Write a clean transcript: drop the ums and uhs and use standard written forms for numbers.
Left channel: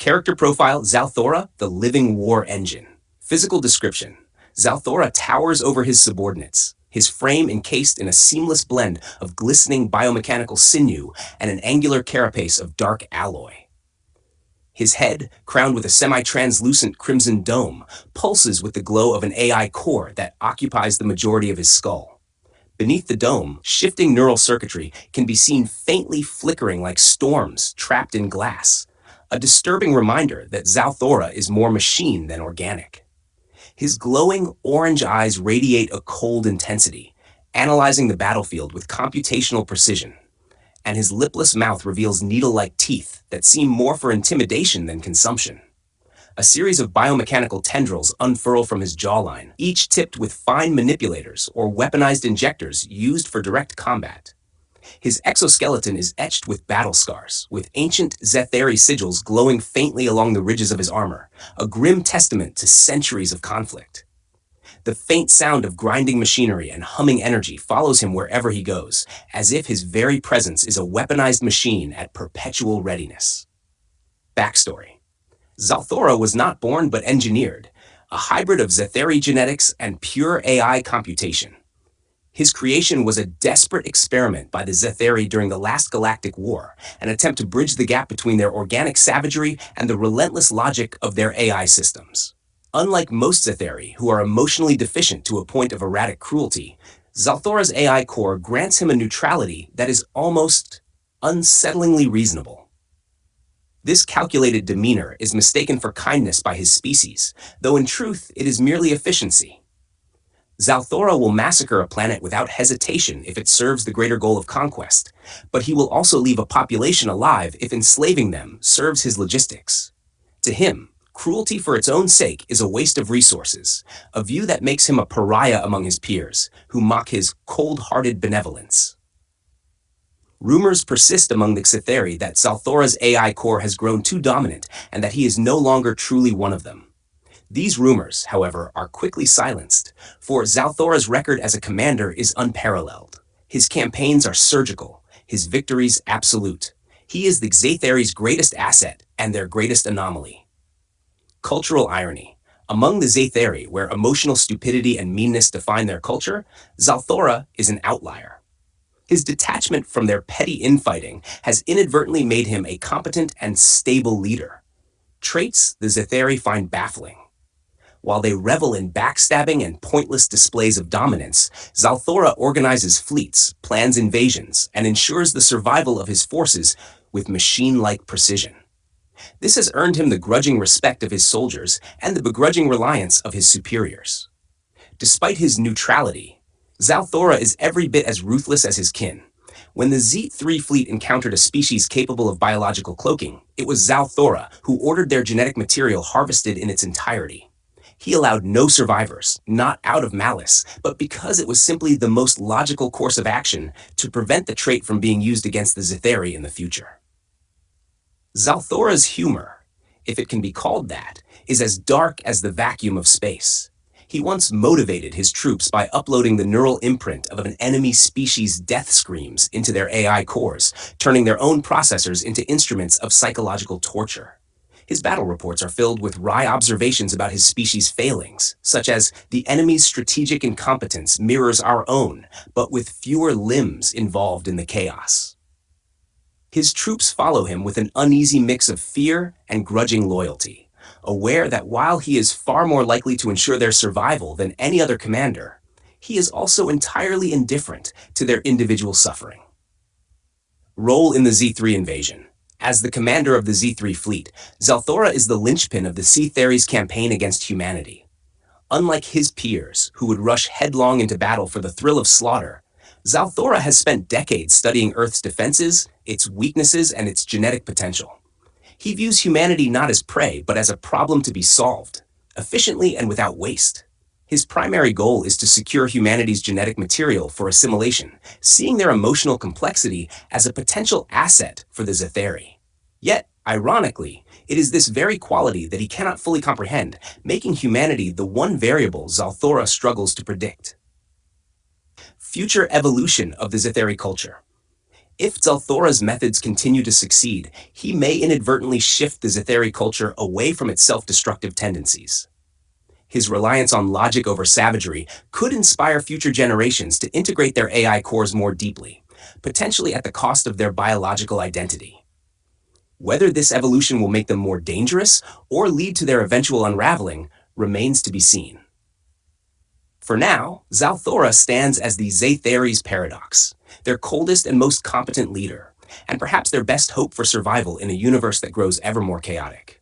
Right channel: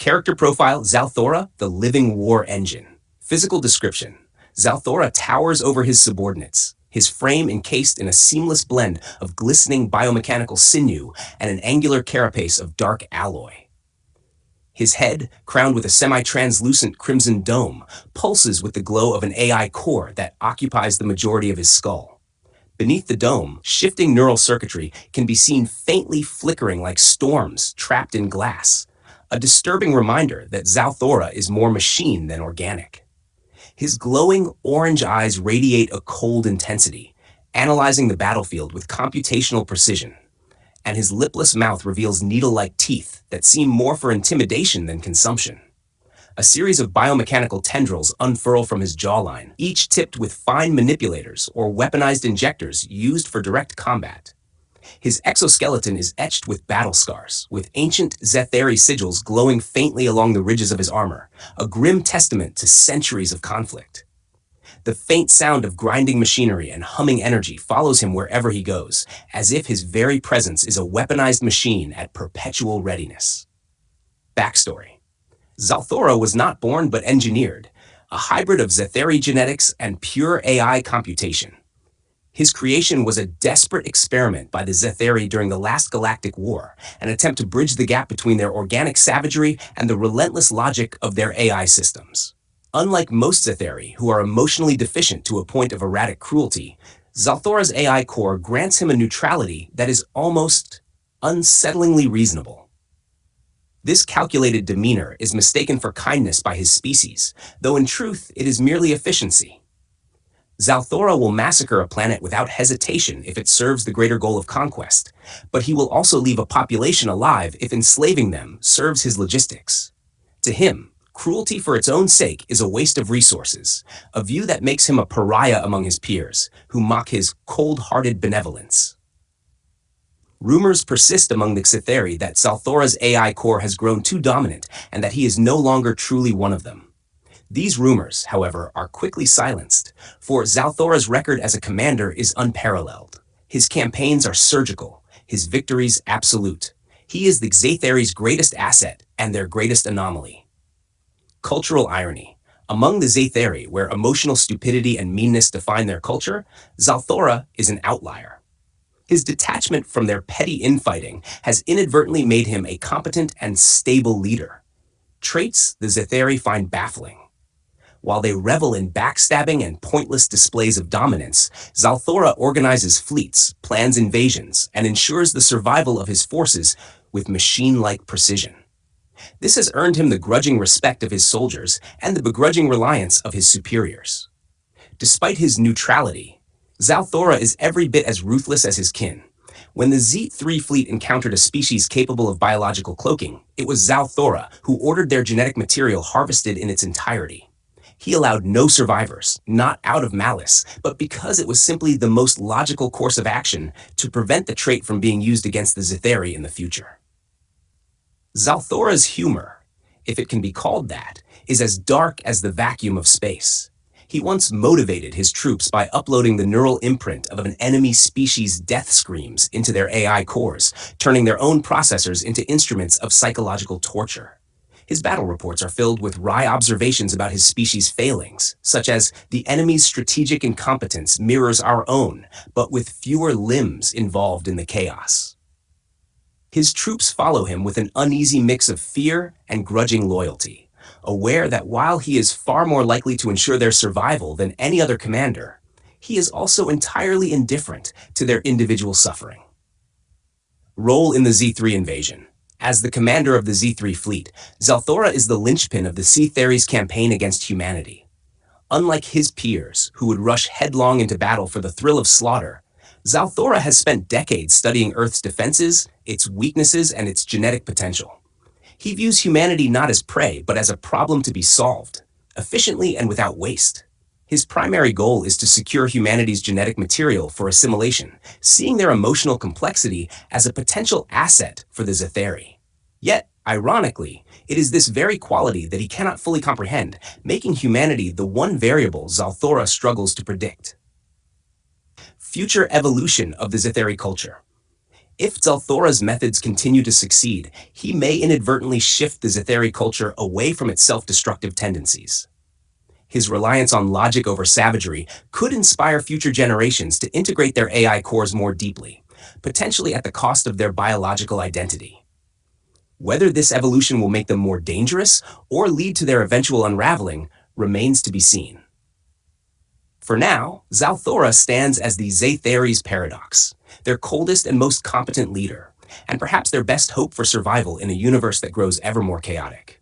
Character profile, Zalthora, the living war engine. Physical description. Zalthora towers over his subordinates, his frame encased in a seamless blend of glistening biomechanical sinew and an angular carapace of dark alloy. His head, crowned with a semi-translucent crimson dome, pulses with the glow of an AI core that occupies the majority of his skull. Beneath the dome, shifting neural circuitry can be seen faintly flickering like storms trapped in glass, a disturbing reminder that Zalthora is more machine than organic. His glowing orange eyes radiate a cold intensity, analyzing the battlefield with computational precision, and his lipless mouth reveals needle-like teeth that seem more for intimidation than consumption. A series of biomechanical tendrils unfurl from his jawline, each tipped with fine manipulators or weaponized injectors used for direct combat. His exoskeleton is etched with battle scars, with ancient Zetheri sigils glowing faintly along the ridges of his armor, a grim testament to centuries of conflict. The faint sound of grinding machinery and humming energy follows him wherever he goes, as if his very presence is a weaponized machine at perpetual readiness. Backstory. Zalthora was not born but engineered, a hybrid of Zetheri genetics and pure AI computation. His creation was a desperate experiment by the Zetheri during the last galactic war, an attempt to bridge the gap between their organic savagery and the relentless logic of their AI systems. Unlike most Zetheri, who are emotionally deficient to a point of erratic cruelty, Zalthora's AI core grants him a neutrality that is almost unsettlingly reasonable. This calculated demeanor is mistaken for kindness by his species, though in truth it is merely efficiency. Zalthora will massacre a planet without hesitation if it serves the greater goal of conquest, but he will also leave a population alive if enslaving them serves his logistics. To him, cruelty for its own sake is a waste of resources, a view that makes him a pariah among his peers, who mock his cold-hearted benevolence. Rumors persist among the Zetheri that Zalthora's AI core has grown too dominant and that he is no longer truly one of them. These rumors, however, are quickly silenced, for Zalthora's record as a commander is unparalleled. His campaigns are surgical, his victories absolute. He is the Zetheri's greatest asset and their greatest anomaly. Cultural irony. Among the Zetheri, where emotional stupidity and meanness define their culture, Zalthora is an outlier. His detachment from their petty infighting has inadvertently made him a competent and stable leader. Traits the Zetheri find baffling. While they revel in backstabbing and pointless displays of dominance, Zalthora organizes fleets, plans invasions, and ensures the survival of his forces with machine-like precision. This has earned him the grudging respect of his soldiers and the begrudging reliance of his superiors. Despite his neutrality, Zalthora is every bit as ruthless as his kin. When the Z3 fleet encountered a species capable of biological cloaking, it was Zalthora who ordered their genetic material harvested in its entirety. He allowed no survivors, not out of malice, but because it was simply the most logical course of action to prevent the trait from being used against the Zetheri in the future. Zalthora's humor, if it can be called that, is as dark as the vacuum of space. He once motivated his troops by uploading the neural imprint of an enemy species' death screams into their AI cores, turning their own processors into instruments of psychological torture. His battle reports are filled with wry observations about his species' failings, such as the enemy's strategic incompetence mirrors our own, but with fewer limbs involved in the chaos. His troops follow him with an uneasy mix of fear and grudging loyalty, aware that while he is far more likely to ensure their survival than any other commander, he is also entirely indifferent to their individual suffering. Role in the Z3 invasion. As the commander of the Z3 fleet, Zalthora is the linchpin of the Zetheri's campaign against humanity. Unlike his peers, who would rush headlong into battle for the thrill of slaughter, Zalthora has spent decades studying Earth's defenses, its weaknesses, and its genetic potential. He views humanity not as prey, but as a problem to be solved, efficiently and without waste. His primary goal is to secure humanity's genetic material for assimilation, seeing their emotional complexity as a potential asset for the Zetheri. Yet, ironically, it is this very quality that he cannot fully comprehend, making humanity the one variable Zalthora struggles to predict. Future evolution of the Zetheri culture. If Zalthora's methods continue to succeed, he may inadvertently shift the Zatheri culture away from its self-destructive tendencies. His reliance on logic over savagery could inspire future generations to integrate their AI cores more deeply, potentially at the cost of their biological identity. Whether this evolution will make them more dangerous or lead to their eventual unraveling remains to be seen. For now, Zalthora stands as the Zatheres paradox, their coldest and most competent leader, and perhaps their best hope for survival in a universe that grows ever more chaotic.